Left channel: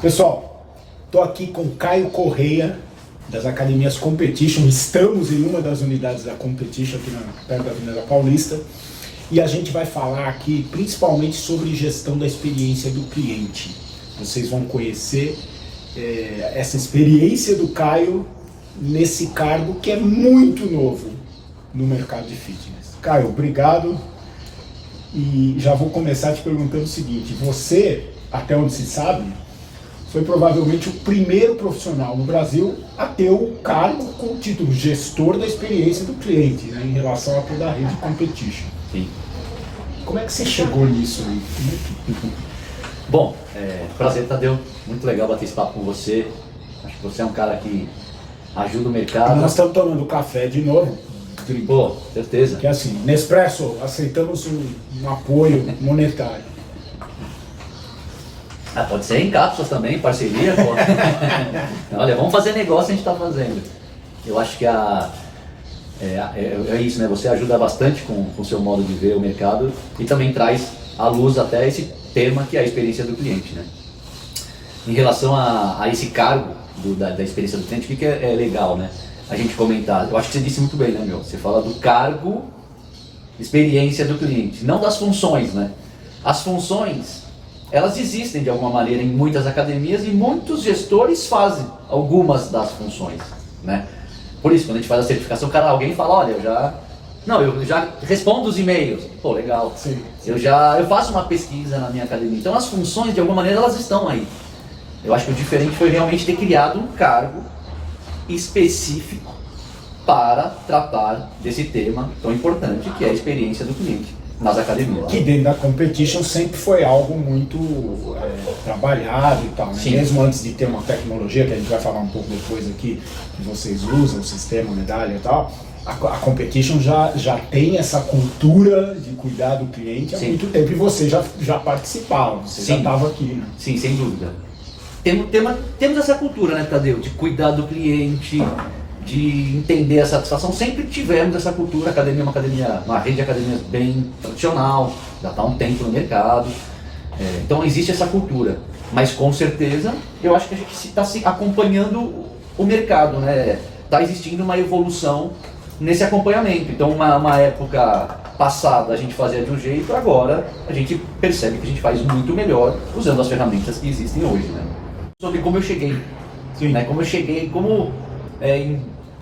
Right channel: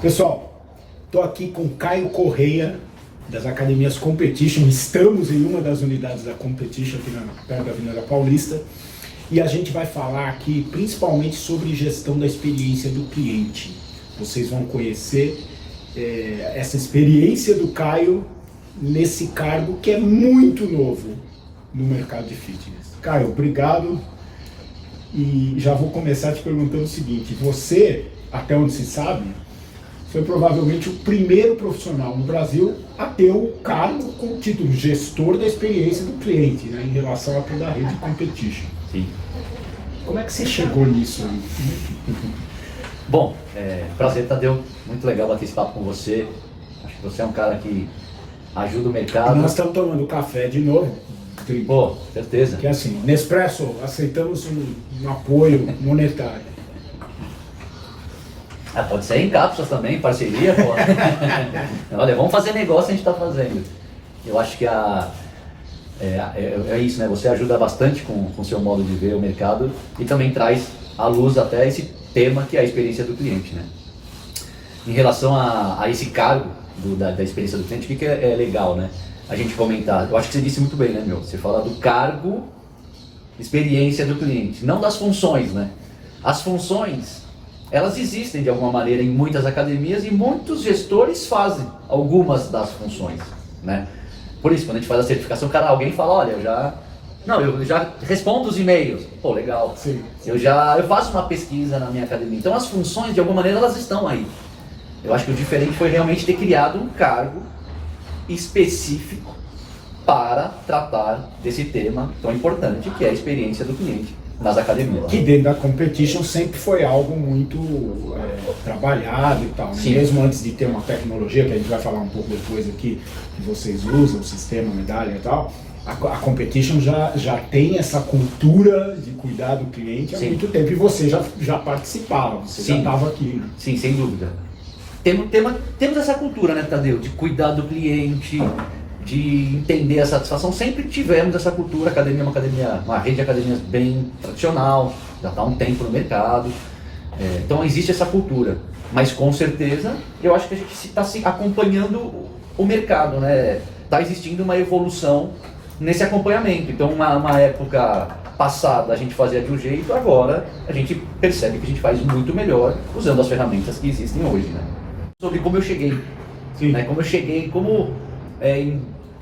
Pessoal, estou aqui com Caio Correia, das Academias Competition. Estamos em uma das unidades da Competition, aqui perto da Avenida Paulista. E a gente vai falar aqui principalmente sobre gestão da experiência do cliente. Vocês vão conhecer essa experiência do Caio nesse cargo que é muito novo no mercado de fitness. Caio, obrigado. E já vou começar te perguntando o seguinte: você, até onde se sabe, foi provavelmente o primeiro profissional no Brasil a ter o cargo com o título gestor da experiência do cliente, né, em relação a toda a rede Competition. Sim. Como é que você chegou nisso aí? Bom, prazer, Tadeu. Muito legal bater esse papo com você. Acho que você é um cara que ajuda o mercado. Nós estamos tomando café de novo. Pô, certeza. Que é assim, Nespresso, aceitamos um apoio monetário. Pode ser em cápsulas também, parceria, pô. Olha, vamos fazer negócio, a gente está fazendo. Eu acho que é isso, né? Você ajuda bastante com o seu modo de ver o mercado e também traz à luz até esse tema que é a experiência do cliente, né? Em relação a esse cargo da experiência do cliente, o que é legal, né? A gente comentar. Eu acho que você disse muito bem, né, meu? Você fala do cargo, experiência do cliente, não das funções, né? As funções, elas existem de alguma maneira em muitas academias e muitos gestores fazem algumas das funções, né? Por isso, quando a gente faz a certificação, alguém fala, olha, eu já respondo os e-mails. Pô, legal. Sim. Eu faço uma pesquisa na minha academia. Então as funções, de alguma maneira, elas estão aí. Eu acho que o diferente foi realmente ter criado um cargo específico para tratar desse tema tão importante, que é a experiência do cliente nas academias. Que dentro da Competition sempre foi algo muito trabalhado e tal, né? Sim. Mesmo antes de ter uma tecnologia, que a gente vai falar um pouco depois aqui, que vocês usam, o sistema, medalha e tal, a Competition já tem essa cultura de cuidar do cliente há Sim. muito tempo, e você já participava, você já Sim. estava aqui, né? Sim, sem dúvida. Temos essa cultura, né, Tadeu? De cuidar do cliente, de entender a satisfação. Sempre tivemos essa cultura. A academia é uma rede de academias bem tradicional, já está há um tempo no mercado. Então existe essa cultura. Mas com certeza, eu acho que a gente está acompanhando o mercado, né? Está existindo uma evolução nesse acompanhamento. Então uma época passada a gente fazia de um jeito, agora a gente percebe que a gente faz muito melhor usando as ferramentas que existem hoje, né? Sobre como eu cheguei, né?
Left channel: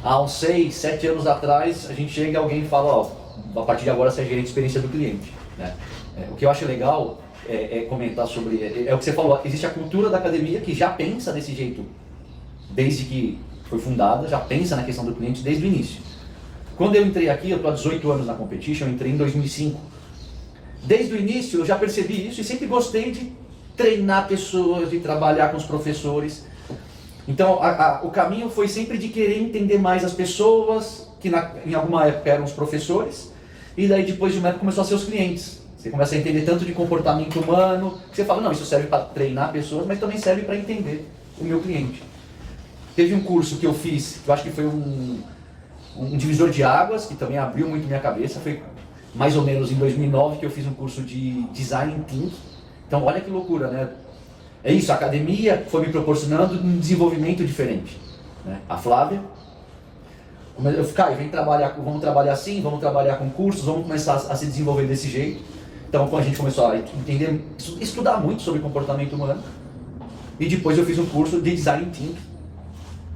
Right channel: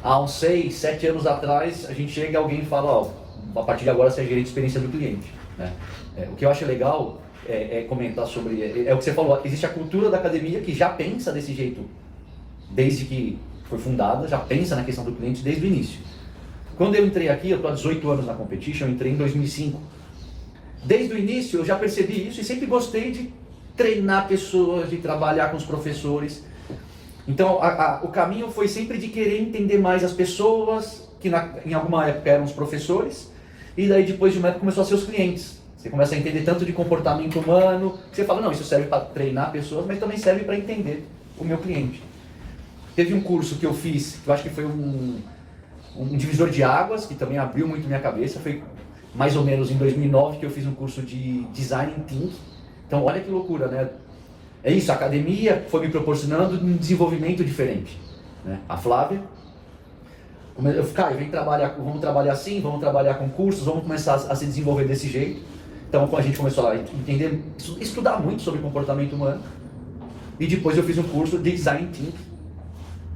Há uns 6, 7 anos atrás, a gente chega e alguém fala, ó, a partir de agora você é gerente de experiência do cliente, né? O que eu acho legal é comentar sobre, é o que você falou, existe a cultura da academia que já pensa desse jeito, desde que foi fundada, já pensa na questão do cliente desde o início. Quando eu entrei aqui, eu estou há 18 anos na Competition, eu entrei em 2005. Desde o início eu já percebi isso e sempre gostei de treinar pessoas, de trabalhar com os professores. Então o caminho foi sempre de querer entender mais as pessoas, que em alguma época eram os professores, e daí depois de uma época começou a ser os clientes. Você começa a entender tanto de comportamento humano, que você fala, não, isso serve para treinar pessoas, mas também serve para entender o meu cliente. Teve um curso que eu fiz, que eu acho que foi um divisor de águas, que também abriu muito minha cabeça. Foi mais ou menos em 2009 que eu fiz um curso de Design Thinking. Então olha que loucura, né? É isso, a academia foi me proporcionando um desenvolvimento diferente, né? A Flávia, Caio, vamos trabalhar assim, vamos trabalhar com cursos, vamos começar a se desenvolver desse jeito. Então a gente começou a entender, estudar muito sobre comportamento humano. E depois eu fiz um curso de Design Thinking,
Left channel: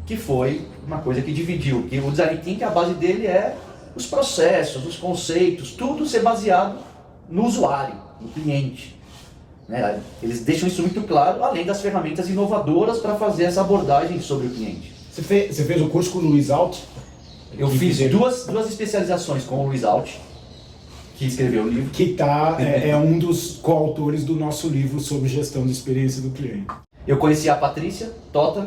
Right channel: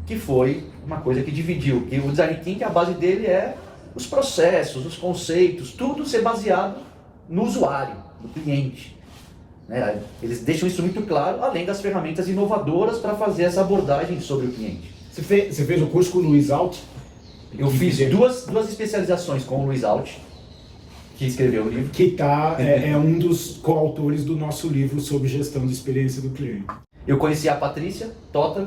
que foi uma coisa que dividiu. E o Design Thinking, a base dele é os processos, os conceitos, tudo ser baseado no usuário, no cliente. Né? Eles deixam isso muito claro, além das ferramentas inovadoras para fazer essa abordagem sobre o cliente. Você fez o curso com o Luiz Alt? Eu fiz duas especializações com o Luiz Alt, que escreveu o livro. Que é um dos coautores do nosso livro sobre gestão de experiência do cliente. Eu conheci a Patrícia Totter,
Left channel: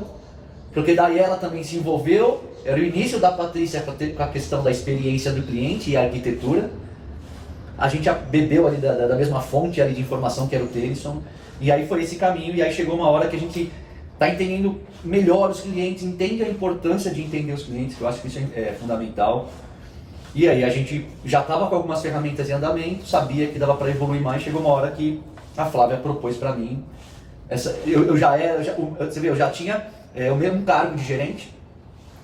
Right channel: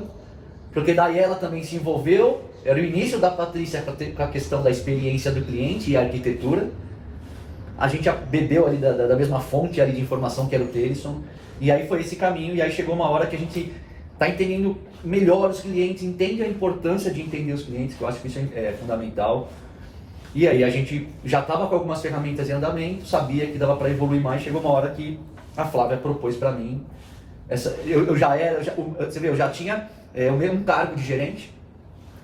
porque daí ela também se envolveu. Era o início da Patrícia com a questão da experiência do cliente e a arquitetura. A gente bebeu ali da mesma fonte ali de informação que era o Telisson, e aí foi esse caminho, e aí chegou uma hora que a gente está entendendo melhor os clientes, entende a importância de entender os clientes, que eu acho que isso é fundamental. E aí a gente já estava com algumas ferramentas em andamento, sabia que dava para evoluir mais, chegou uma hora que a Flávia propôs para mim Eu já era, você vê, eu já tinha um cargo de gerente,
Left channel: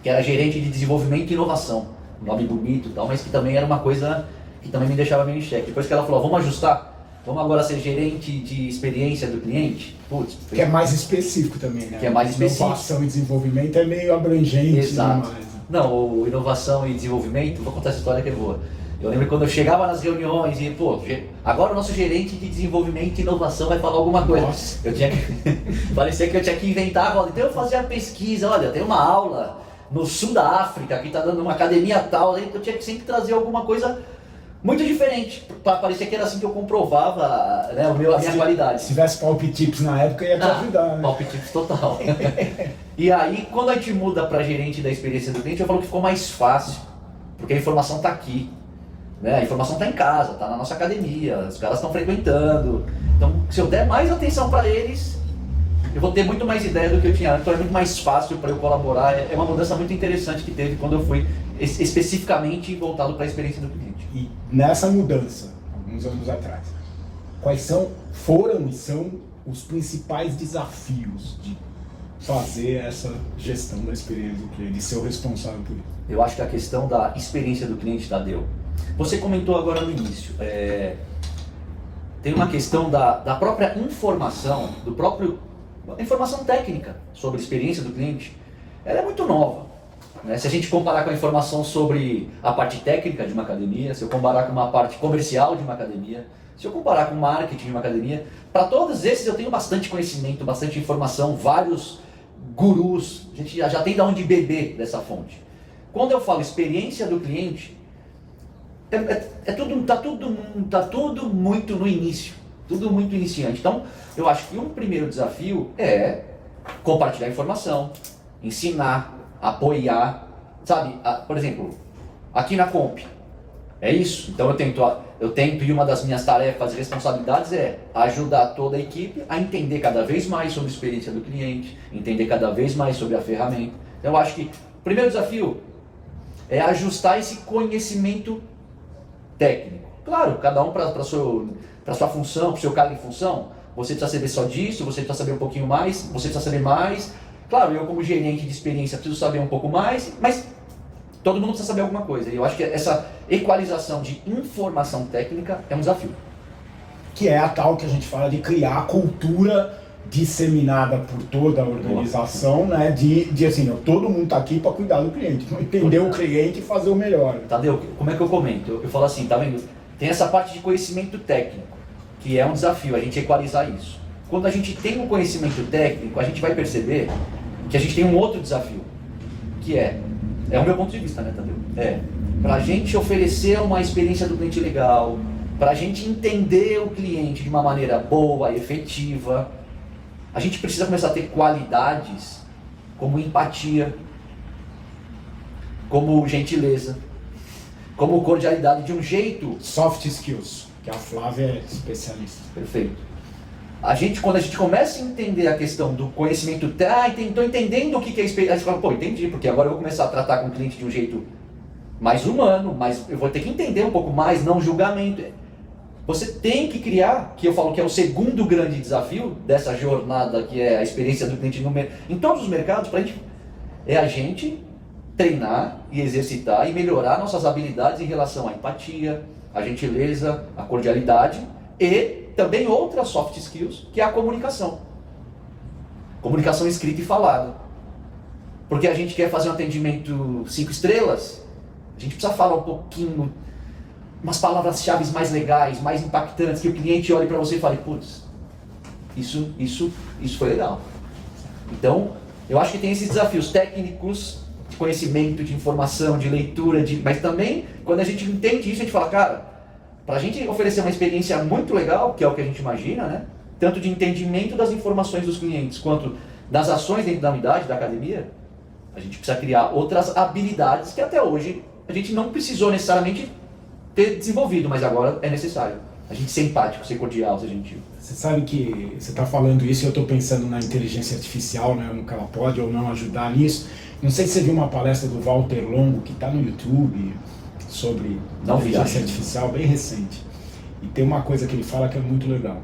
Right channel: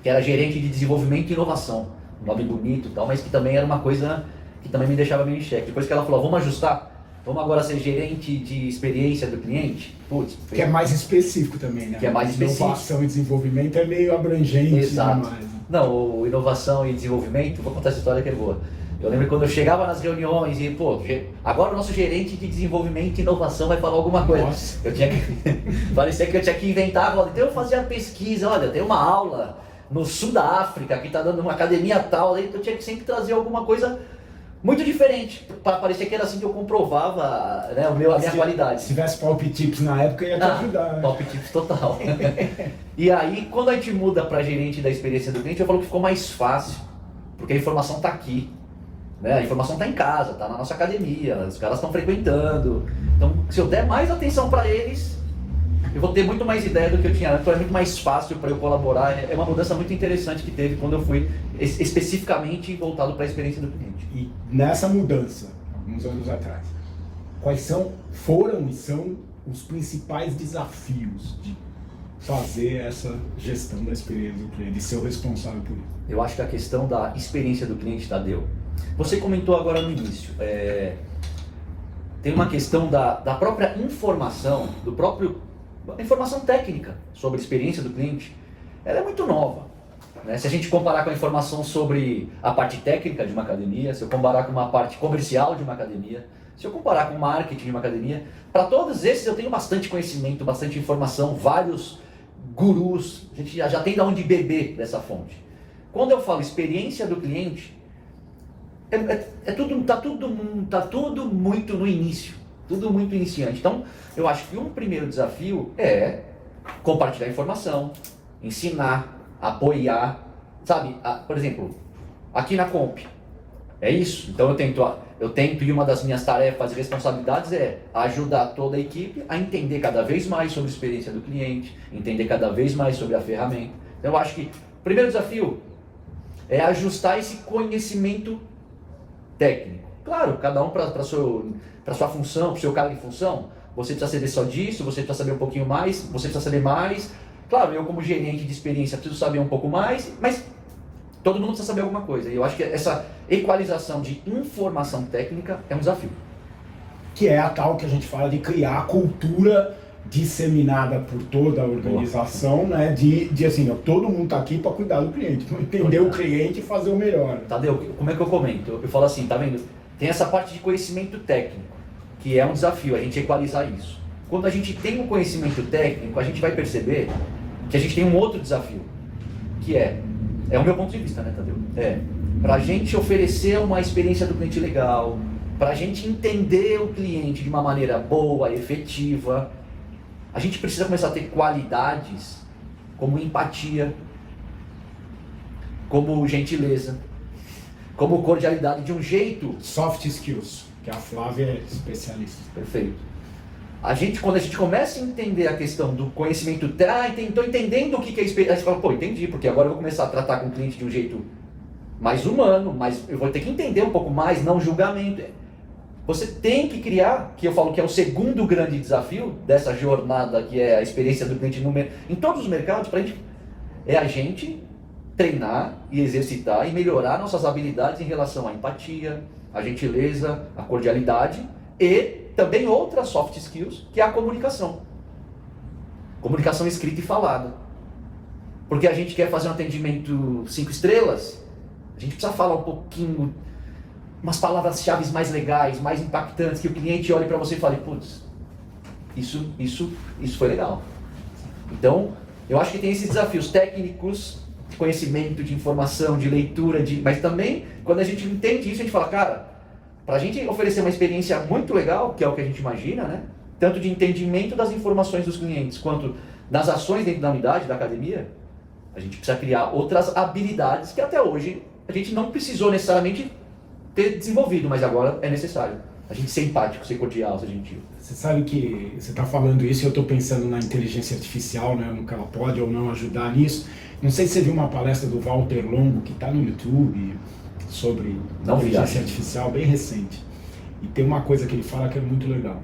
que era gerente de desenvolvimento e inovação. Um nome bonito e tal, mas que também era uma coisa que também me deixava meio em xeque. Depois que ela falou, vamos ajustar, vamos agora ser gerente de experiência do cliente. Putz, que é mais específico também, né? Que é mais específico. Inovação e desenvolvimento é meio abrangente. Exato. Demais. Não, inovação e desenvolvimento, vou contar essa história que é boa. Eu lembro quando eu chegava nas reuniões e, agora o nosso gerente de desenvolvimento e inovação vai falar alguma coisa. Nossa. Eu tinha que... Parecia que eu tinha que inventar, então eu fazia pesquisa, olha, tem uma aula no sul da África, que está dando uma academia tal, aí eu tinha que sempre trazer alguma coisa muito diferente, para parecer que era assim que eu comprovava, né, a minha qualidade. Se tivesse palpitips na época, ia te ajudar, né? Palpitips total. E aí, quando a gente muda para gerente da experiência do cliente, eu falo que ficou mais fácil, porque a informação está aqui. Né? A informação está em casa, está na nossa academia, os caras estão frequentando. Então, se eu der mais atenção para eles, eu vou ter muito mais ideia do que eu tinha antes. Então é muito mais fácil para eu colaborar. É uma mudança muito interessante que teve quando eu fui especificamente voltado para a experiência do cliente. E nessa mudança, alguns anos atrás, quais foram e são os principais desafios de fazer essa gestão da experiência do cliente, de ser o responsável por isso? Eu acho que a questão da experiência do cliente, Tadeu, você comentou agora no início, tem uma questão da própria informação, a informação técnica sobre a experiência do cliente, ela é muito nova. Né? Se a gente comparar com a informação sobre a parte técnica de uma academia, se eu comparar com uma parte comercial de uma academia, se eu comparar com o marketing de uma academia, para todos esses eu tenho bastante conhecimento, bastante informação, vários gurus, a gente já tem de onde beber dessa fonte. Quando eu falo experiência do cliente, tá tudo muito no início, tudo muito iniciante. Então, eu acho que um primeiro desafio é compartilhar informação, ensinar, apoiar, sabe? Por exemplo, aqui na Comp, é isso. Então eu tento, e uma das minhas tarefas e responsabilidades é ajudar toda a equipe a entender cada vez mais sobre a experiência do cliente, entender cada vez mais sobre a ferramenta. Então eu acho que o primeiro desafio é ajustar esse conhecimento técnico. Claro, cada um para sua função, para o seu cargo em função, você precisa saber só disso, você precisa saber um pouquinho mais, você precisa saber mais. Claro, eu como gerente de experiência preciso saber um pouco mais, mas todo mundo precisa saber alguma coisa. E eu acho que essa equalização de informação técnica é um desafio. Que é a tal que a gente fala de criar a cultura disseminada por toda a organização, né? De assim, todo mundo está aqui para cuidar do cliente, entender o cliente e fazer o melhor. Tadeu, como é que eu comento? Eu falo assim, tá vendo? Tem essa parte de conhecimento técnico, que é um desafio, a gente equalizar isso. Quando a gente tem um conhecimento técnico, a gente vai perceber que a gente tem um outro desafio, que é o meu ponto de vista, né, Tadeu? Para a gente oferecer uma experiência do cliente legal, para a gente entender o cliente de uma maneira boa, efetiva, a gente precisa começar a ter qualidades como empatia, como gentileza, como cordialidade, de um jeito... Soft skills, que a Flávia é especialista. Perfeito. Quando a gente começa a entender a questão do conhecimento, estou entendendo o que é experiência, você fala, pô, entendi, porque agora eu vou começar a tratar com o cliente de um jeito mais humano, mas eu vou ter que entender um pouco mais, não julgamento. Você tem que criar, que eu falo que é o segundo grande desafio dessa jornada, que é a experiência do cliente em todos os mercados, a gente treinar e exercitar e melhorar nossas habilidades em relação à empatia, à gentileza, à cordialidade e também outras soft skills, que é a comunicação. Comunicação escrita e falada. Porque a gente quer fazer um atendimento 5 estrelas, a gente precisa falar um pouquinho, umas palavras-chave mais legais, mais impactantes, que o cliente olhe para você e fale, putz, isso foi legal. Então, eu acho que tem esses desafios técnicos, de conhecimento, de informação, de leitura, mas também, quando a gente entende isso, a gente fala, cara, para a gente oferecer uma experiência muito legal, que é o que a gente imagina, né? Tanto de entendimento das informações dos clientes, quanto das ações dentro da unidade, da academia, a gente precisa criar outras habilidades que até hoje a gente não precisou necessariamente ter desenvolvido, mas agora é necessário. A gente ser empático, ser cordial, ser gentil. Você sabe que você está falando isso e eu estou pensando na inteligência artificial, né? No que ela pode ou não ajudar nisso. Não sei se você viu uma palestra do Walter Longo, que está no YouTube, sobre inteligência artificial, bem recente. E tem uma coisa que ele fala que é muito legal.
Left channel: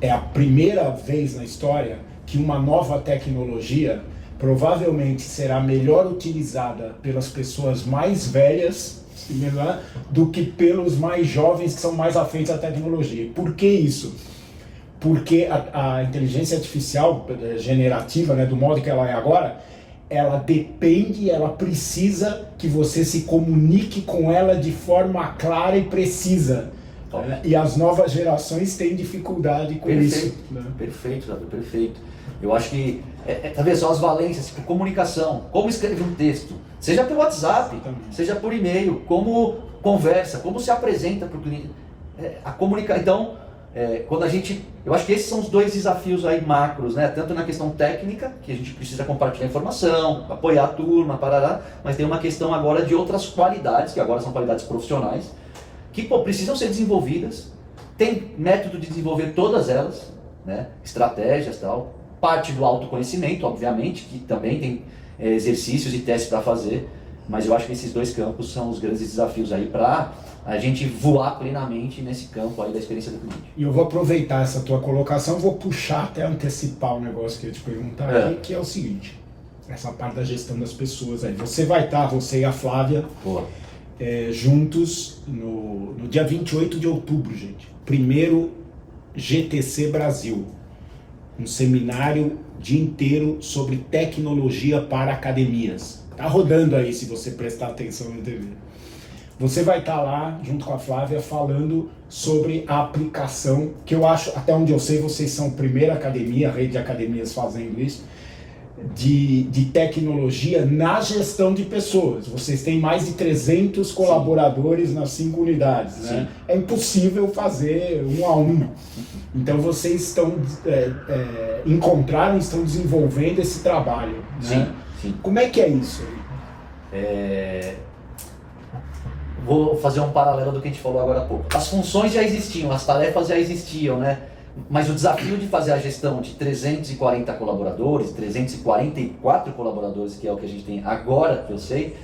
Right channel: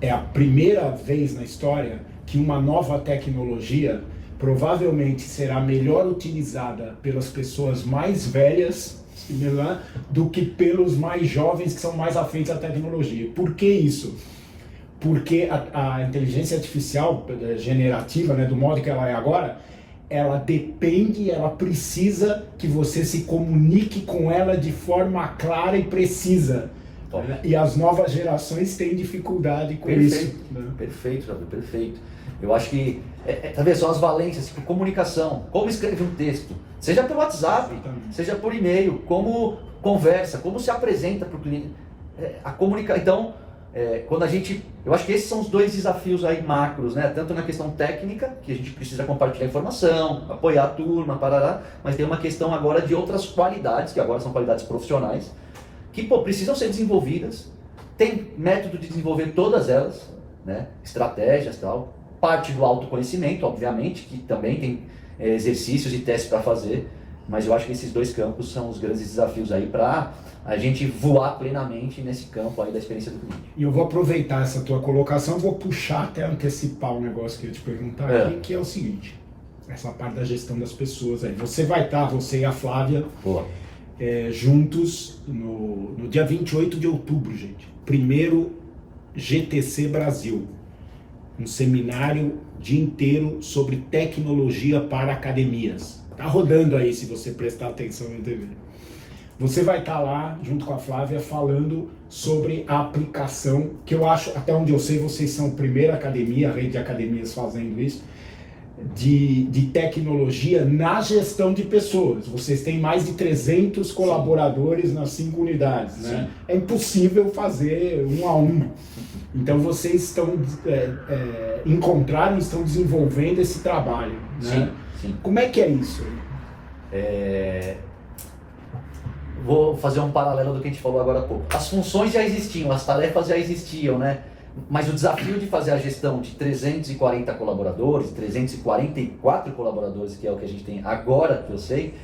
é a primeira vez na história que uma nova tecnologia provavelmente será melhor utilizada pelas pessoas mais velhas do que pelos mais jovens que são mais afeitos à tecnologia. Por que isso? Porque a inteligência artificial generativa, né, do modo que ela é agora, ela depende, ela precisa que você se comunique com ela de forma clara e precisa. E as novas gerações têm dificuldade com isso. Né? Perfeito, Javi, perfeito. Eu acho que, talvez são as valências, tipo, comunicação, como escrever um texto, seja pelo WhatsApp, seja por e-mail, como conversa, como se apresenta para o cliente, a comunicar. Então, eu acho que esses são os dois desafios aí macros, né? Tanto na questão técnica, que a gente precisa compartilhar informação, apoiar a turma, parará, mas tem uma questão agora de outras qualidades, que agora são qualidades profissionais, que precisam ser desenvolvidas. Tem método de desenvolver todas elas, né? Estratégias e tal. Parte do autoconhecimento, obviamente, que também tem exercícios e testes para fazer, mas eu acho que esses dois campos são os grandes desafios aí para a gente voar plenamente nesse campo aí da experiência do cliente. E eu vou aproveitar essa tua colocação, vou puxar até antecipar o negócio que eu ia te perguntar aqui, que é o seguinte, essa parte da gestão das pessoas aí. Você vai estar, você e a Flávia, juntos no dia 28 de outubro, gente. Primeiro GTC Brasil. Um seminário dia inteiro sobre tecnologia para academias. Tá rodando aí, se você prestar atenção na TV. Você vai estar lá, junto com a Flávia, falando sobre a aplicação, que eu acho, até onde eu sei, vocês são a primeira academia, a rede de academias fazendo isso, de tecnologia na gestão de pessoas. Vocês têm mais de 300 colaboradores nas 5 unidades, né? É impossível fazer um a um. Então vocês estão estão desenvolvendo esse trabalho, né? Sim. Como é que é isso? Vou fazer um paralelo do que a gente falou agora há pouco. As funções já existiam, as tarefas já existiam, né? Mas o desafio de fazer a gestão de 340 colaboradores, 344 colaboradores, que é o que a gente tem agora, que eu sei,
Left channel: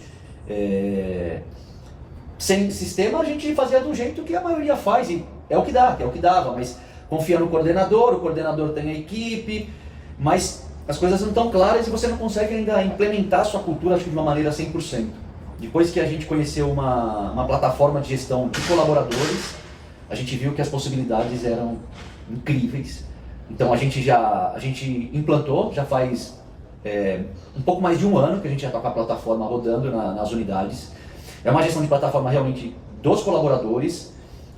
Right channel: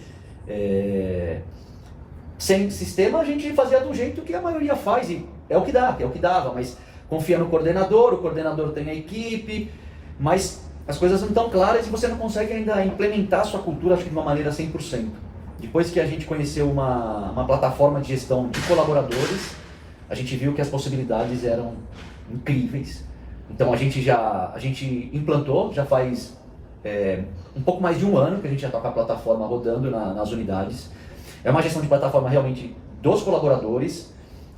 sem sistema a gente fazia do jeito que a maioria faz, e é o que dava, mas confia no coordenador, o coordenador tem a equipe, mas as coisas não estão claras e você não consegue ainda implementar a sua cultura, acho que de uma maneira 100%. Depois que a gente conheceu uma plataforma de gestão de colaboradores, a gente viu que as possibilidades eram incríveis. Então a gente implantou, já faz um pouco mais de um ano que a gente já está com a plataforma rodando nas unidades. É uma gestão de plataforma realmente dos colaboradores,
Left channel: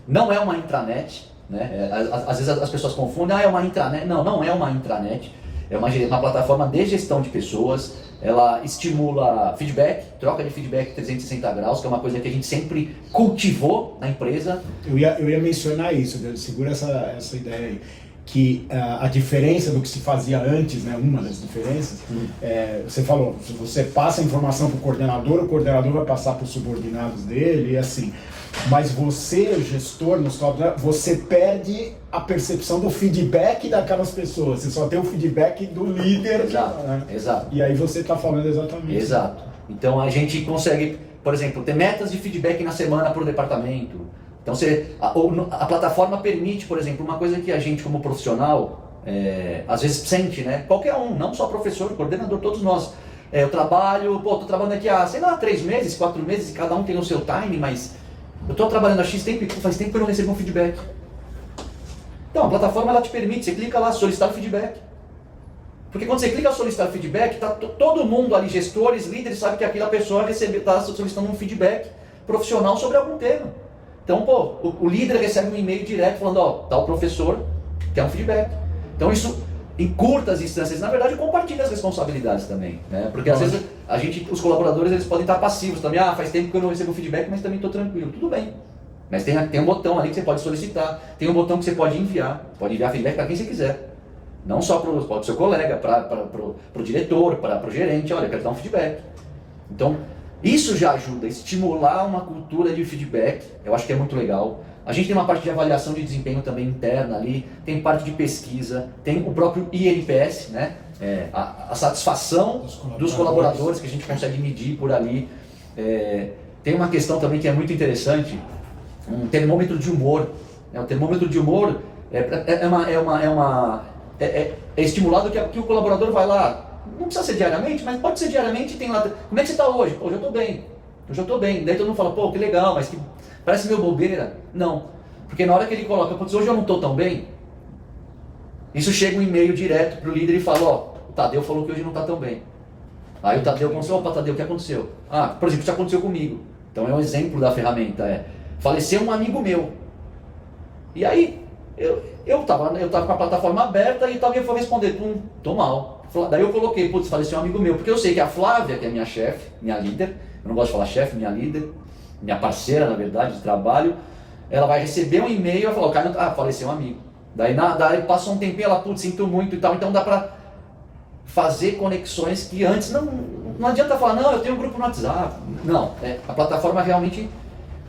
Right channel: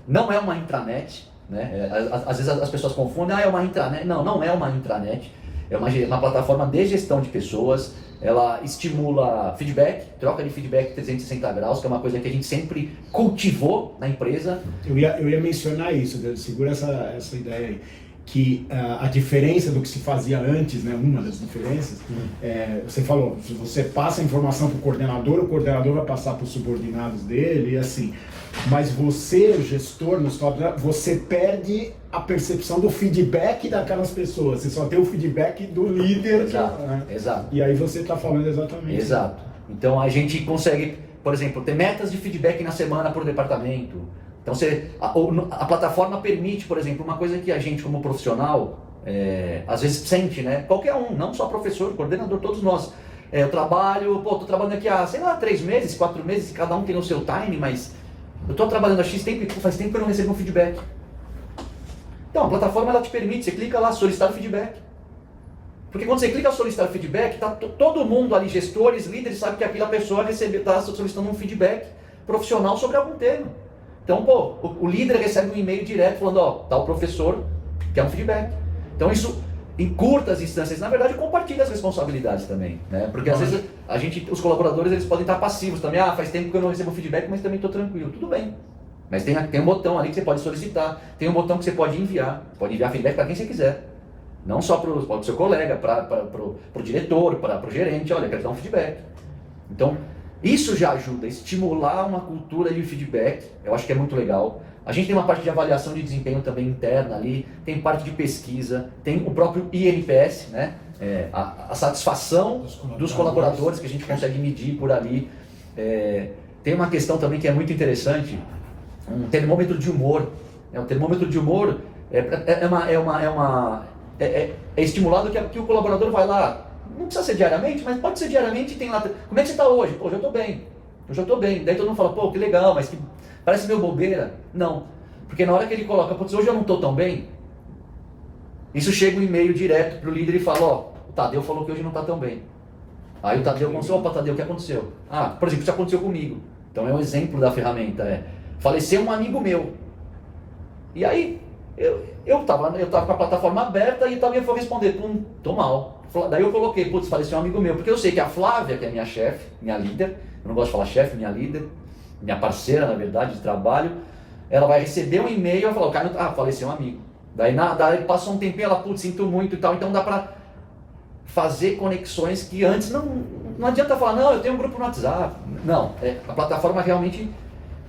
não é uma intranet, né? Às vezes as pessoas confundem, é uma intranet. Não é uma intranet, é uma plataforma de gestão de pessoas. Ela estimula feedback, troca de feedback 360 graus, que é uma coisa que a gente sempre cultivou na empresa. Eu ia mencionar isso, segura essa ideia aí, que a diferença do que se fazia antes, né, uma das diferenças, você falou, se você passa a informação para o coordenador vai passar para os subordinados dele, e assim, mas você, o gestor, você perde a percepção do feedback daquelas pessoas, você só tem o feedback do líder. Exato. E aí você está falando exatamente. Exato. Então a gente consegue, por exemplo, ter metas de feedback na semana por departamento. Então a plataforma permite, por exemplo, uma coisa que a gente como profissional às vezes sente, né? Qualquer um, não só professor, coordenador, todos nós. Eu trabalho, tô trabalhando aqui há, 3 meses, 4 meses, e cada um tem o seu time, mas eu tô trabalhando há X tempo e faz tempo que eu não recebo um feedback. Então, a plataforma ela te permite, você clica lá, solicitar feedback. Porque quando você clica solicitar feedback, tá todo mundo ali, gestores, líderes, sabe que aquela pessoa está solicitando um feedback profissional sobre algum tema. Então, o líder recebe um e-mail direto falando, tal professor quer um feedback. Então, isso encurta as instâncias, na verdade, compartilha as responsabilidades também, né? Porque às vezes os colaboradores, eles podem estar passivos também, faz tempo que eu não recebo feedback, mas também estou tranquilo, tudo bem. Mas tem um botão ali que você pode solicitar, tem um botão que você pode enviar feedback para quem você quiser. Não só para o seu colega, para o diretor, para o gerente, olha, eu quero dar um feedback. Então, isso já ajuda a estimular uma cultura de feedback, eu acho que é muito legal. A gente tem uma parte de avaliação de desempenho também interna ali, tem parte de pesquisa, tem o próprio INPS, né? A satisfação dos colaboradores que a gente consegue medir por ali. Tem uma questão também que é muito interessante, um termômetro de humor. O termômetro de humor, É estimulado que o colaborador vai lá, não precisa ser diariamente, mas pode ser diariamente e tem lá, como é que você está hoje? Pô, hoje eu estou bem, daí todo mundo fala, pô, que legal, mas que parece meio bobeira. Não, porque na hora que ele coloca, putz, hoje eu não estou tão bem, isso chega um e-mail direto para o líder e fala, ó, o Tadeu falou que hoje não está tão bem. Aí o Tadeu começou, opa, Tadeu, o que aconteceu? Ah, por exemplo, isso aconteceu comigo. Então é um exemplo da ferramenta, faleceu um amigo meu. E aí, eu tava com a plataforma aberta e alguém foi responder, tô mal. Daí eu coloquei, putz, faleceu um amigo meu, porque eu sei que a Flávia, que é minha chefe, minha líder, eu não gosto de falar chefe, minha líder, minha parceira, na verdade, de trabalho, ela vai receber um e-mail e vai falar, o cara, faleceu um amigo. Daí passou um tempinho, ela, putz, sinto muito e tal, então dá pra fazer conexões que antes não adianta falar, não, eu tenho um grupo no WhatsApp. Não, a plataforma realmente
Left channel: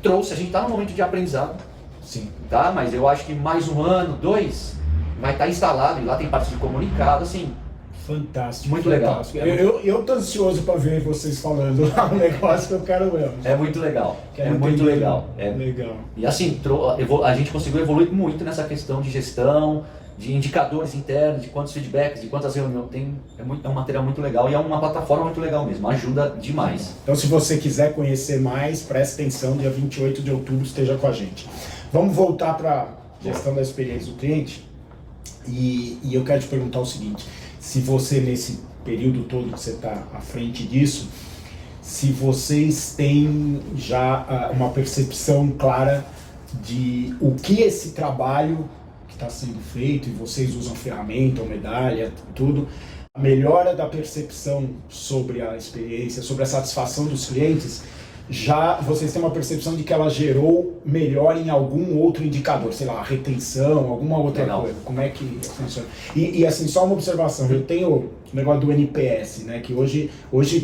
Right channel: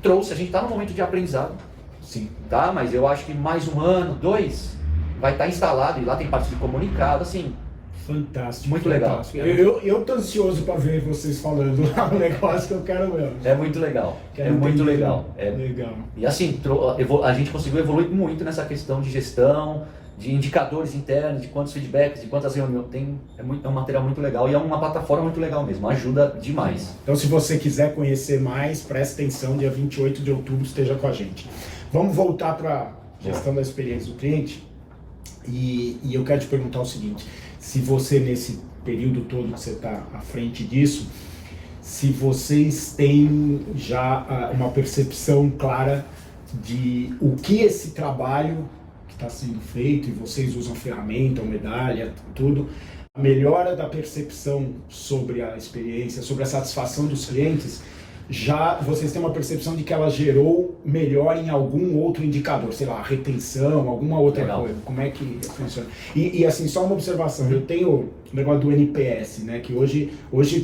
trouxe, a gente está no momento de aprendizado. Sim. Tá? Mas eu acho que mais 1 ano, 2, vai estar instalado e lá tem parte de comunicado, assim. Fantástico. Muito fantástico. legal. Eu tô ansioso para ver vocês falando lá um negócio que eu quero ver. É muito legal. Quero muito entender. legal. Legal. E assim, a gente conseguiu evoluir muito nessa questão de gestão, de indicadores internos, de quantos feedbacks, de quantas reuniões tem. É um material muito legal e é uma plataforma muito legal mesmo, ajuda demais. Então, se você quiser conhecer mais, preste atenção, dia 28 de outubro esteja com a gente. Vamos voltar para a gestão da experiência do cliente e eu quero te perguntar o seguinte, se você nesse período todo que você está à frente disso, se vocês têm já uma percepção clara de o que esse trabalho que está sendo feito, e vocês usam ferramenta, ou medalha, tudo, a melhora da percepção sobre a experiência, sobre a satisfação dos clientes, já vocês têm uma percepção de que ela gerou melhor em algum outro indicador, sei lá, retenção, alguma outra coisa. Como é que funciona? E assim, só uma observação, eu tenho o negócio do NPS, né, que hoje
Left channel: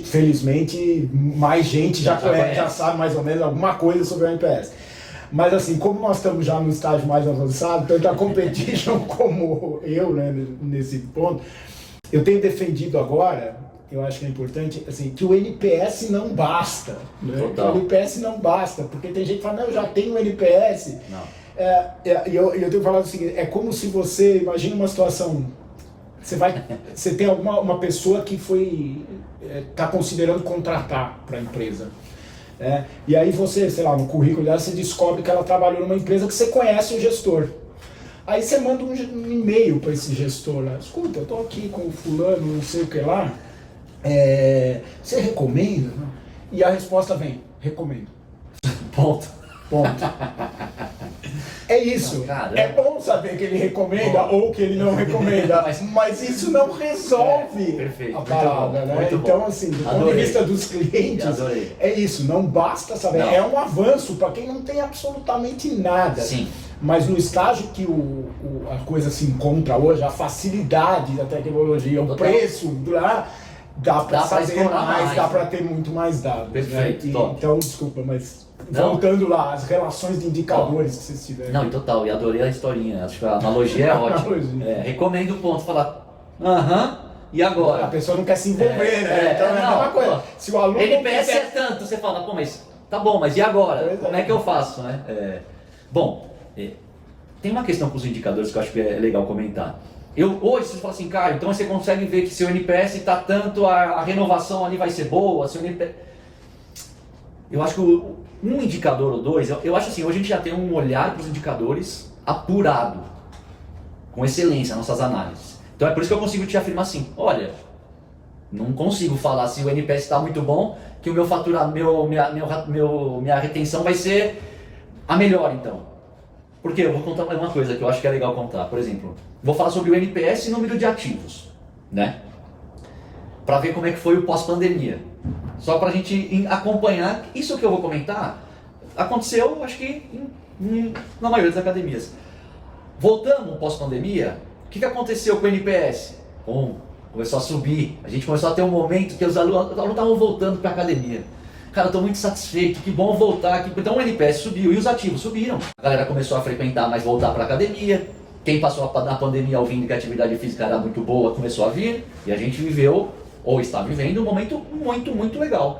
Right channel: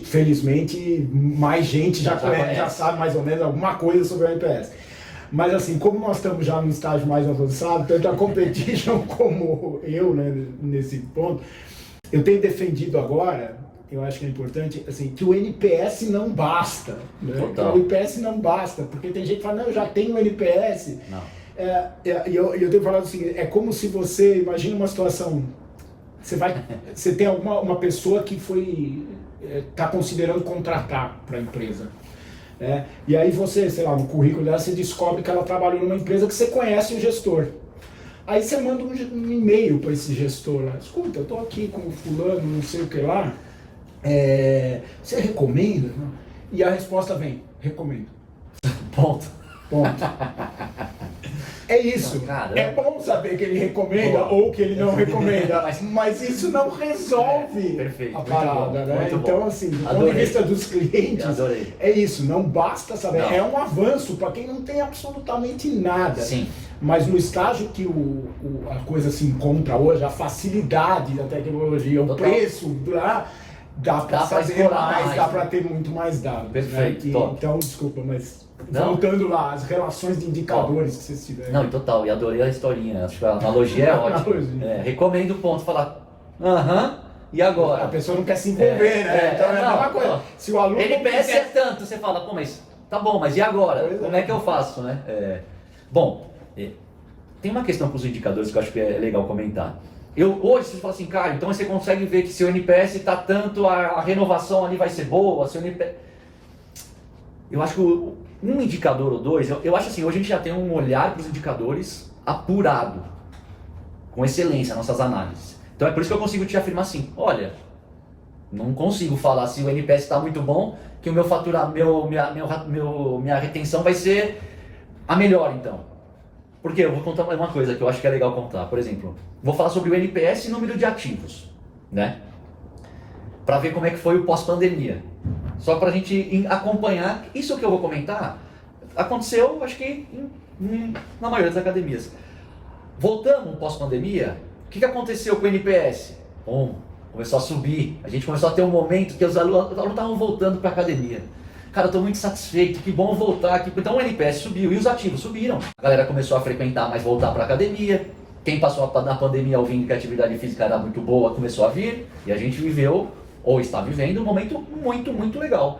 felizmente, mais gente já sabe mais ou menos alguma coisa sobre o NPS. Mas assim, como nós estamos já no estágio mais avançado, tanto a competition como eu, né, nesse ponto, eu tenho defendido agora, eu acho que é importante, assim, que o NPS não basta. Né? O NPS não basta, porque tem gente que fala, não, eu já tenho NPS. Não. E eu tenho falado o seguinte, é como se você, imagina uma situação, você tem uma pessoa que está considerando contratar para a empresa. E aí você, sei lá, no currículo dela, você descobre que ela trabalhou numa empresa que você conhece o gestor. Aí você manda um e-mail para esse gestor lá, escuta, eu estou aqui com o fulano, não sei o que lá, você recomenda? E a resposta vem, recomendo. Ponto. É isso. Caramba. É bom saber que ele recomenda ou que ele não recomenda, mas isso não resolve perfeito, a parada, né? muito então, bom. assim, do ponto de vista dos clientes, é isso, não basta saber. Não. É um avanço para quem não tem absolutamente nada. Sim. Mas no estágio que a coisa se encontra hoje, a facilidade da tecnologia, o preço, dá para fazer mais, dá para ter muito mais dados. Perfeito. Né? Então, desculpa, mas voltando lá, as relações de indicadores que vocês tiveram. Não, total, e adorei a historinha, acho que a analogia é ótima. Recomendo o ponto, falar, e agora? A pessoa não quer se envolver, né? Então é a mesma coisa. Se o aluno NPS é tanto, você fala, pô, mas tá bom, mas e agora? Como é que eu faço, né? Bom, tem uma questão com os indicadores que eu acho que é legal comentar. Hoje, você fala assim, cara, então você consegue ver que seu NPS está tanto, a renovação ali vai ser boa, seu NPS... Eu acho que um indicador ou dois, eu acho assim, hoje a gente já tem um olhar para os indicadores apurado, com excelência, nossas análises. Então é por isso que eu consigo te afirmar assim, olha, não consigo falar se o NPS está muito bom, que o meu minha retenção vai ser a melhor então. Porque eu vou contar mais uma coisa que eu acho que é legal contar. Por exemplo, vou falar sobre o NPS e número de ativos, né? Para ver como é que foi o pós-pandemia. Só para a gente acompanhar. Isso que eu vou comentar aconteceu, acho que na maioria das academias. Voltando pós-pandemia, o que aconteceu com o NPS? Começou a subir. A gente começou a ter um momento que os alunos estavam voltando para a academia. Cara, eu tô muito satisfeito, que bom voltar aqui. Então o NPS subiu e os ativos subiram. A galera começou a frequentar, mas voltar para academia. Quem passou na pandemia ouvindo que a atividade física era muito boa, começou a vir. E a gente viveu, ou está vivendo, um momento muito, muito legal.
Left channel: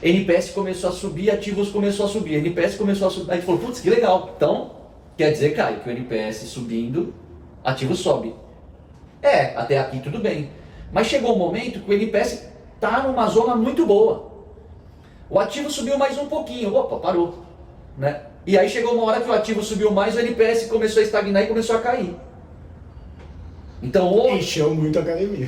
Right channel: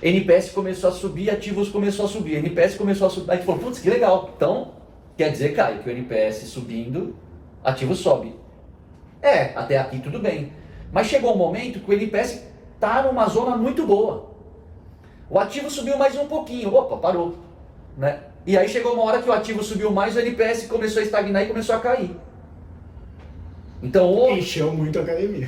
NPS começou a subir, ativos começou a subir. NPS começou a subir. Aí a gente falou, putz, que legal. Então, quer dizer, Caio, que o NPS subindo, ativo sobe. Até aqui tudo bem. Mas chegou um momento que o NPS está numa zona muito boa. O ativo subiu mais um pouquinho, opa, parou. Né? E aí chegou uma hora que o ativo subiu mais, o NPS começou a estagnar e começou a cair. Então, encheu muito a academia.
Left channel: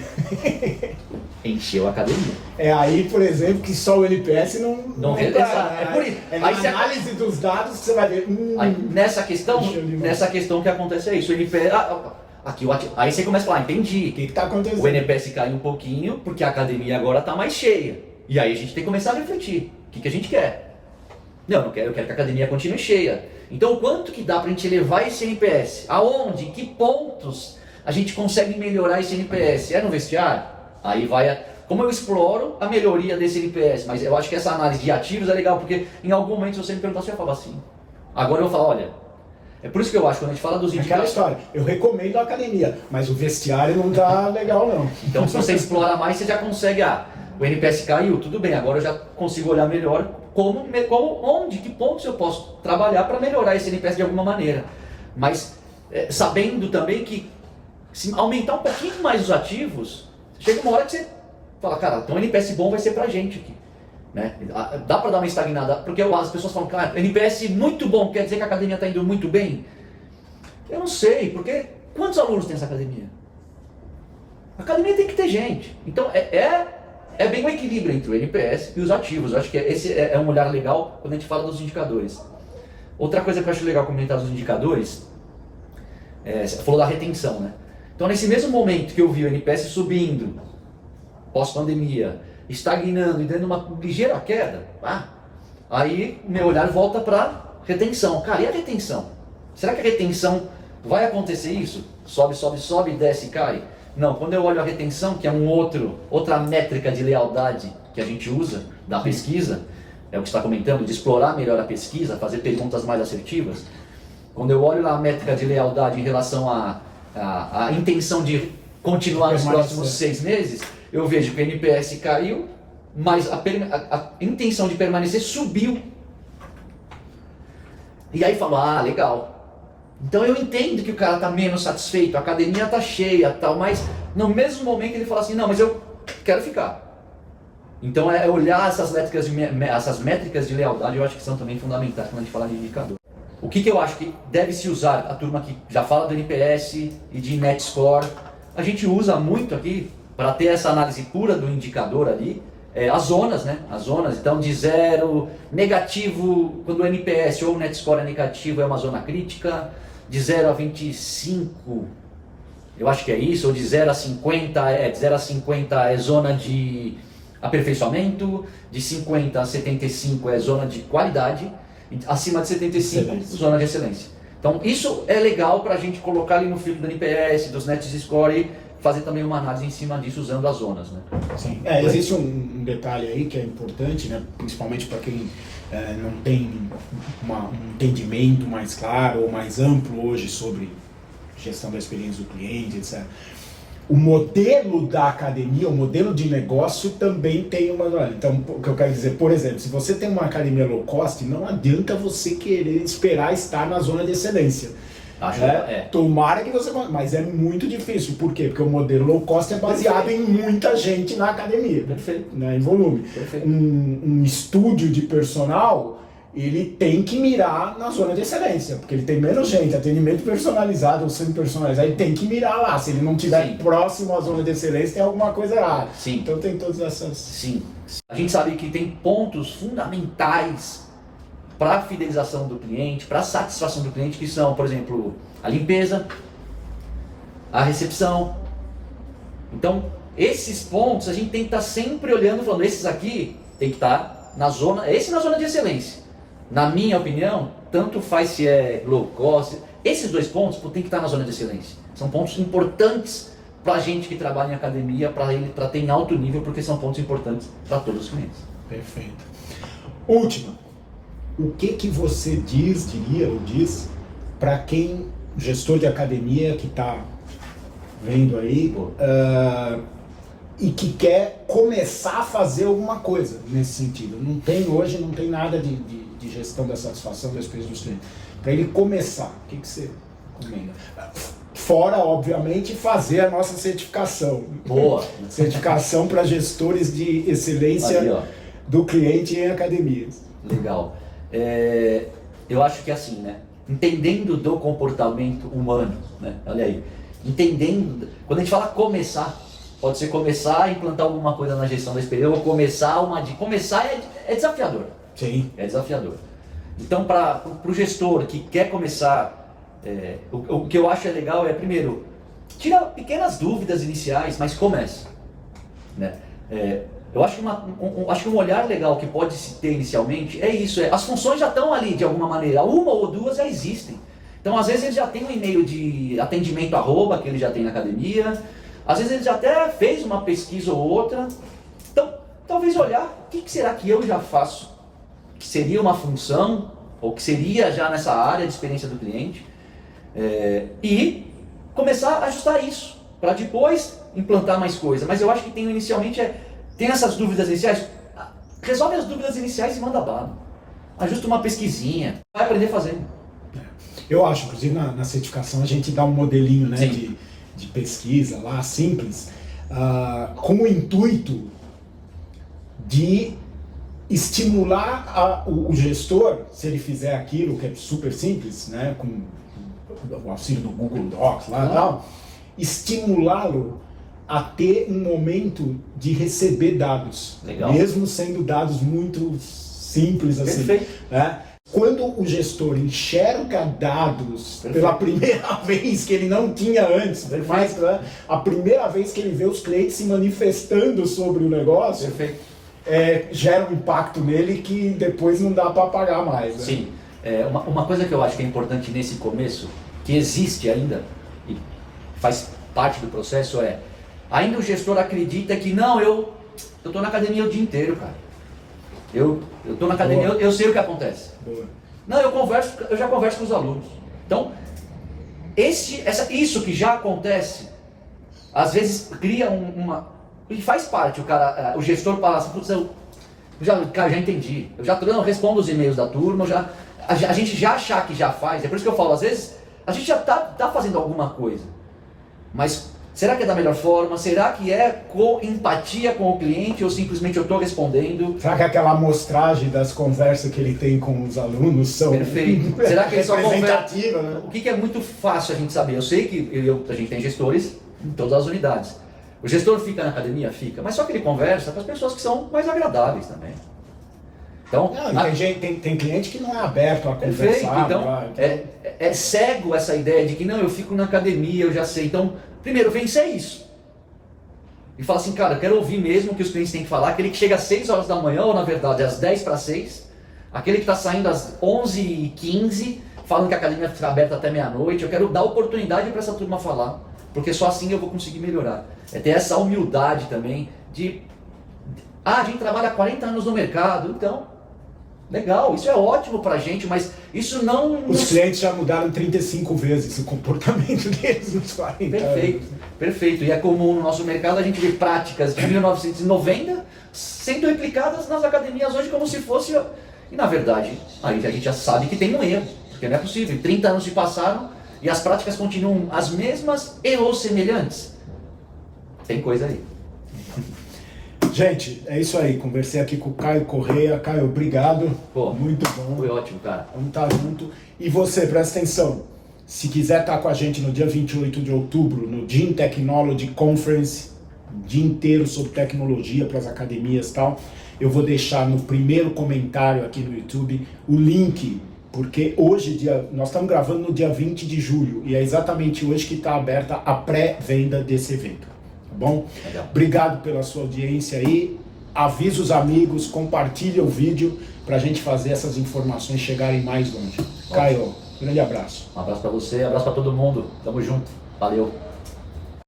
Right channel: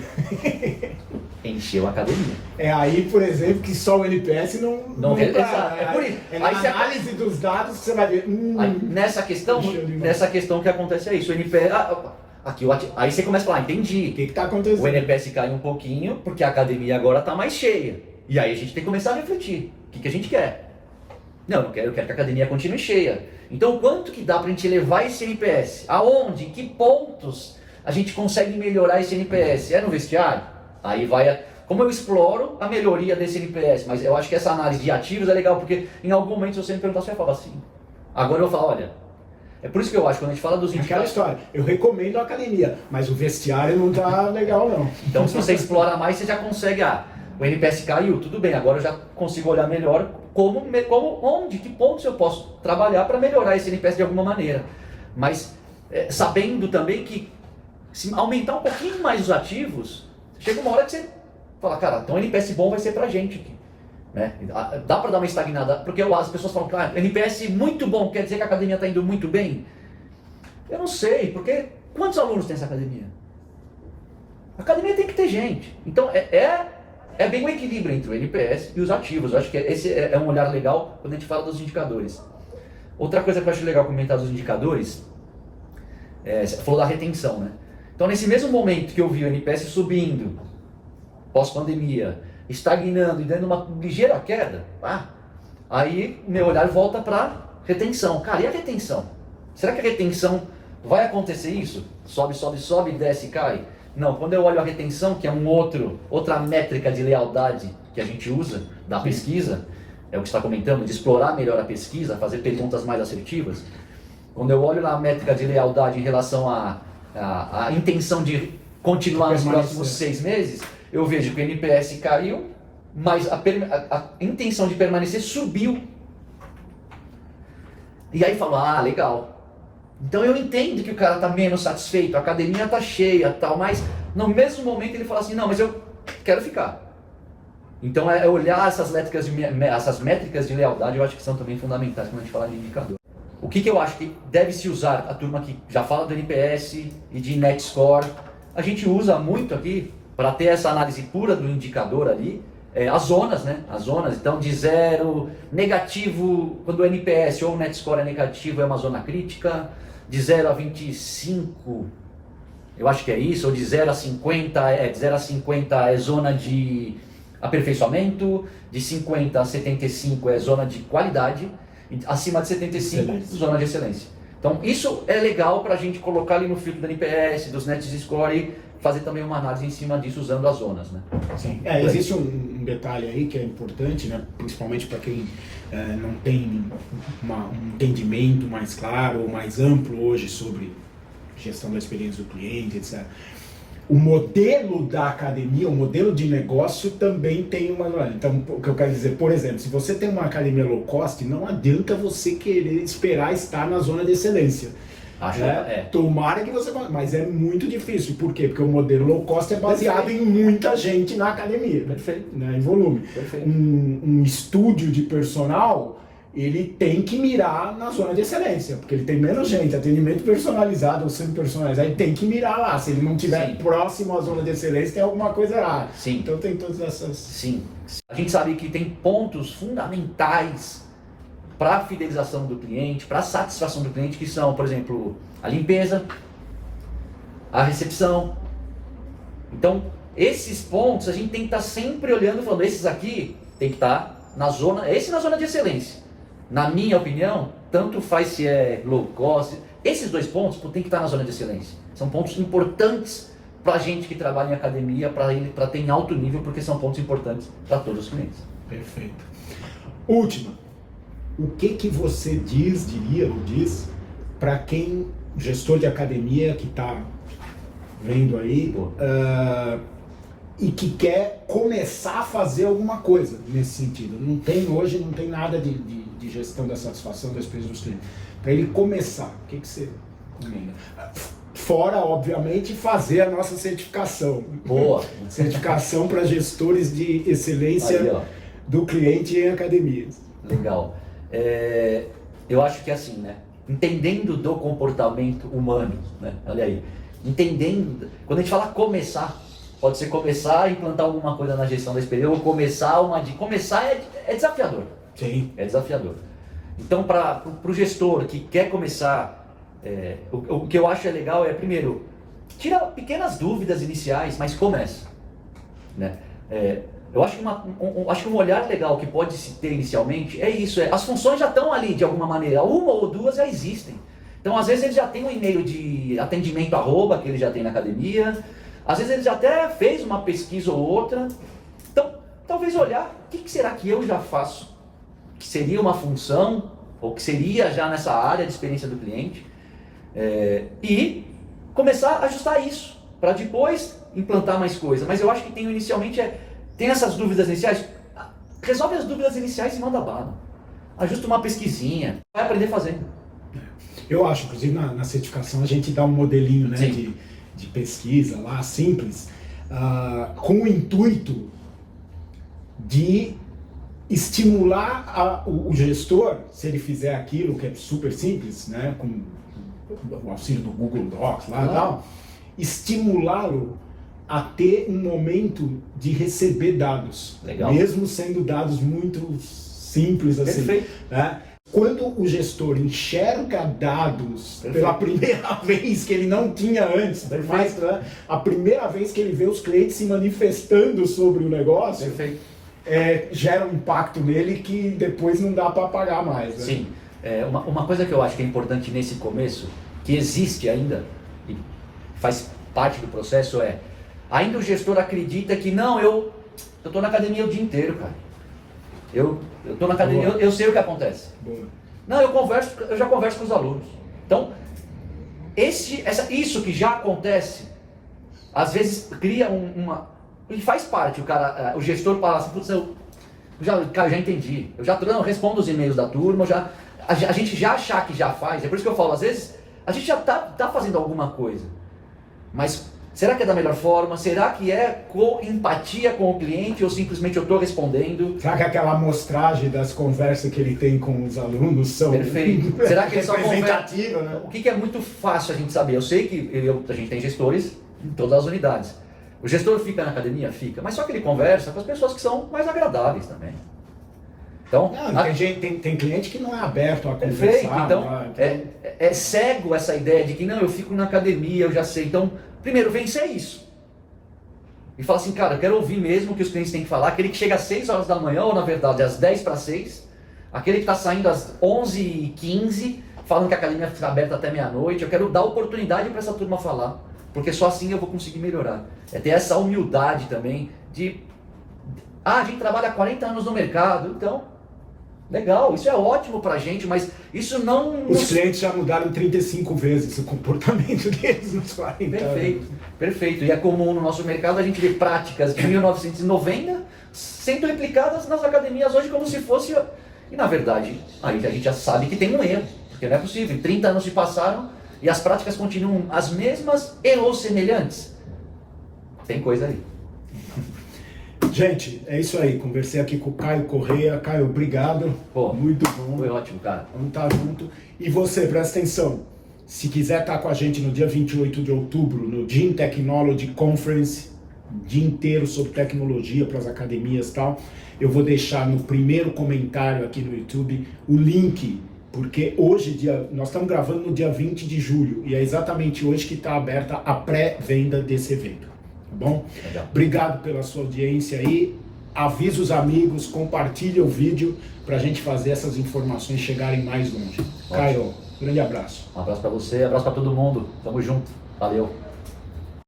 Encheu a academia. É aí, por exemplo, que só o NPS não é por isso. É na análise dos dados que você vai ver. Aí, nessa questão que acontece é isso. O NPS. Aí você começa a falar, entendi. O que está acontecendo? O NPS cai um pouquinho, porque a academia agora está mais cheia. E aí a gente tem que começar a refletir. O que a gente quer? Eu quero que a academia continue cheia. Então, quanto que dá para a gente elevar esse NPS? Aonde? Que pontos a gente consegue melhorar esse NPS? É no vestiário? Aí vai... Como eu exploro a melhoria desse NPS? Mas eu acho que essa análise de ativos é legal, porque em algum momento, se você me perguntar, você vai falar assim. Agora eu falo, olha... É por isso que eu acho que quando a gente fala dos indicadores... Aquela história, eu recomendo a academia, mas o vestiário não tá legal não. Então, se você explora mais, você já consegue... o NPS caiu, tudo bem, agora eu já consigo olhar melhor que pontos eu posso trabalhar para melhorar esse NPS de alguma maneira. Mas sabendo também que se aumentar um pouquinho mais os ativos, chega uma hora que você fala, cara, então o NPS bom vai ser pra gente aqui. Né? Dá para dar uma estagnada, porque as pessoas falam, cara, NPS muito bom, quer dizer que a academia está indo muito bem? Eu não sei, porque quantos alunos tem essa academia? A academia tem que ter gente. Então é bem o equilíbrio entre o NPS e os ativos. Eu acho que esse é um olhar legal quando a gente fala dos indicadores. Outra coisa que eu acho legal comentar dos indicadores, você falou da retenção, né? Então, nesse mesmo momento que eu vi o NPS subindo, pós-pandemia, estagnando e dando uma ligeira queda, aí meu olhar volta para retenção. Cara, e a retenção? Será que a retenção vai acontecer isso? Sobe, sobe, sobe, desce e cai? Não, quando eu olho a retenção, que é outra métrica de lealdade que a gente usa da pesquisa, é o que você está comentando, de explorar melhor a pesquisa, fazer perguntas mais assertivas. Quando eu olho a métrica de lealdade em relação à intenção de continuar nos próximos 6 meses, eu vejo que o NPS caiu, mas a intenção de permanecer subiu. E aí falo, legal. Então eu entendo que o cara está menos satisfeito, a academia está cheia, tal, mas no mesmo momento ele fala assim, não, mas eu quero ficar. Então olhar essas métricas de lealdade, eu acho que são também fundamentais quando a gente fala de indicador. O que eu acho que deve se usar, a turma que já fala do NPS e de Net Score, a gente usa muito aqui para ter essa análise pura do indicador ali, as zonas, né? As zonas, então de 0, negativo, quando o NPS ou o Net Score é negativo, é uma zona crítica, de 0 a 25, eu acho que é isso, ou de 0 a 50, de 0 a 50 é zona de aperfeiçoamento, de 50 a 75 é zona de qualidade, acima de 75, excelência. Zona de excelência. Então isso é legal para a gente colocar ali no filtro do NPS, dos Net Score e fazer também uma análise em cima disso usando as zonas, né? Sim. Existe um detalhe aí que é importante, né? Principalmente para quem não tem um entendimento mais claro ou mais amplo hoje sobre gestão da experiência do cliente, etc. O modelo da academia, o modelo de negócio também tem uma... Então, o que eu quero dizer, por exemplo, se você tem uma academia low cost, não adianta você querer esperar estar na zona de excelência. Tomara que você... Mas é muito difícil. Por quê? Porque o modelo low cost é baseado em muita gente na academia. Perfeito. Né, em volume. Perfeito. Um estúdio de personal, ele tem que mirar na zona de excelência, porque ele tem menos gente, atendimento personalizado ou semi-personalizado, ele tem que mirar lá. Se ele não estiver próximo à zona de excelência, tem alguma coisa errada. Sim. Então tem todas essas... Sim. A gente sabe que tem pontos fundamentais para a fidelização do cliente, para a satisfação do cliente, que são, por exemplo, a limpeza, a recepção. Então, esses pontos a gente tem que estar sempre olhando, falando, esses aqui tem que estar na zona de excelência. Na minha opinião, tanto faz se é low cost, esses 2 pontos tem que estar na zona de excelência. São pontos importantes para a gente que trabalha em academia, para ter em alto nível, porque são pontos importantes para todos os clientes. Perfeito. Última. O que você diz para quem, gestor de academia que está vendo aí, e que quer começar a fazer alguma coisa nesse sentido. Hoje não tem nada de gestão da satisfação da experiência dos clientes. Para ele começar, o que você recomenda? Fora, obviamente, fazer a nossa certificação. Boa! Certificação para gestores de excelência aí, do cliente em academias. Legal. Eu acho que é assim, né? Entendendo do comportamento humano, né? Olha aí. Entendendo, quando a gente fala começar, pode ser começar a implantar alguma coisa na gestão da experiência, ou começar é desafiador. Sim. É desafiador. Então, para o gestor que quer começar, o que eu acho legal é, primeiro, tira pequenas dúvidas iniciais, mas comece. Né? Eu acho que um olhar legal que pode se ter inicialmente é isso, as funções já estão ali de alguma maneira, uma ou duas já existem. Então, às vezes ele já tem um e-mail de atendimento @ que ele já tem na academia, às vezes ele já até fez uma pesquisa ou outra. Então, talvez olhar, o que será que eu já faço? Que seria uma função, ou que seria já nessa área de experiência do cliente, e começar a ajustar isso, para depois implantar mais coisa. Mas eu acho que inicialmente tem essas dúvidas iniciais, resolve as dúvidas iniciais e manda bala. Ajusta uma pesquisinha, vai aprender fazendo. Eu acho, inclusive na certificação a gente dá um modelinho, né, de pesquisa lá, simples, com o intuito de estimular o gestor, se ele fizer aquilo que é super simples, né, com o auxílio do Google Docs lá e tal, estimulá-lo a ter um momento de receber dados. Legal. Mesmo sendo dados muito simples assim. Perfeito. Né? Quando o gestor enxerga dados Perfeito. pela primeira vez que ele não tinha antes, mas a primeira vez que ele vê os clientes se manifestando sobre o negócio, Perfeito. Gera um impacto nele que depois não dá para apagar mais. Né? Sim. Uma coisa que eu acho que é importante nesse começo, que existe ainda, e faz parte do processo, ainda o gestor acredita que não, eu estou na academia o dia inteiro, cara. Eu estou na academia, eu sei o que acontece. Boa. Não, eu já converso com os alunos. Então, isso que já acontece, às vezes cria e faz parte, o gestor fala assim, putz, eu já entendi, eu respondo os e-mails da turma, a gente já achar que já faz, é por isso que eu falo, às vezes, a gente já tá fazendo alguma coisa, mas será que é da melhor forma? Será que é com empatia com o cliente ou simplesmente eu estou respondendo? Será que aquela amostragem das conversas que ele tem com os alunos são Perfeito. Será que eles são representativas? Né? O que é muito fácil a gente saber? Eu sei que a gente tem gestores em todas as unidades. O gestor fica na academia? Fica. Mas só que ele conversa com as pessoas que são mais agradáveis também. Então, tem cliente que não é aberto a conversar. Perfeito. Então, é cego essa ideia de que não, eu fico na academia, eu já sei. Então, primeiro, vencer isso. E fala assim, cara, eu quero ouvir mesmo o que os clientes têm que falar. Aquele que chega às 6 horas da manhã, ou na verdade às 10 para 6. Aquele que está saindo às 11h15, falando que a academia fica aberta até meia-noite. Eu quero dar oportunidade para essa turma falar. Porque só assim eu vou conseguir melhorar. Ter essa humildade também de... a gente trabalha há 40 anos no mercado, então... legal, isso é ótimo pra gente, mas isso não... Os clientes já mudaram 35 vezes o comportamento deles nos 40 anos. Perfeito. E é comum no nosso mercado a gente ver práticas de 1990 sendo replicadas nas academias hoje como se fosse... E na verdade, aí a gente já sabe que tem um erro, porque não é possível. 30 anos se passaram e as práticas continuam as mesmas e ou semelhantes. Tem coisa aí. Gente, é isso aí. Conversei aqui com o Caio Correia. Caio, obrigado. Pô, muito bom. Foi ótimo, cara. Vamos estar junto. E você, presta atenção. Se quiser estar com a gente no dia 28 de outubro, no Gym Technology Conference, dia inteiro sobre tecnologia para as academias e tal, eu vou deixar no primeiro comentário aqui no YouTube o link, porque hoje, nós estamos gravando no dia 20 de julho, e é exatamente hoje que está aberta a pré-venda desse evento. Tá bom? Legal. Obrigado pela sua audiência aí. Avisa os amigos, compartilha o vídeo para a gente fazer essas informações chegarem mais longe. Caio, grande abraço. Um abraço para você, abraço para todo mundo. Tamo junto. Valeu.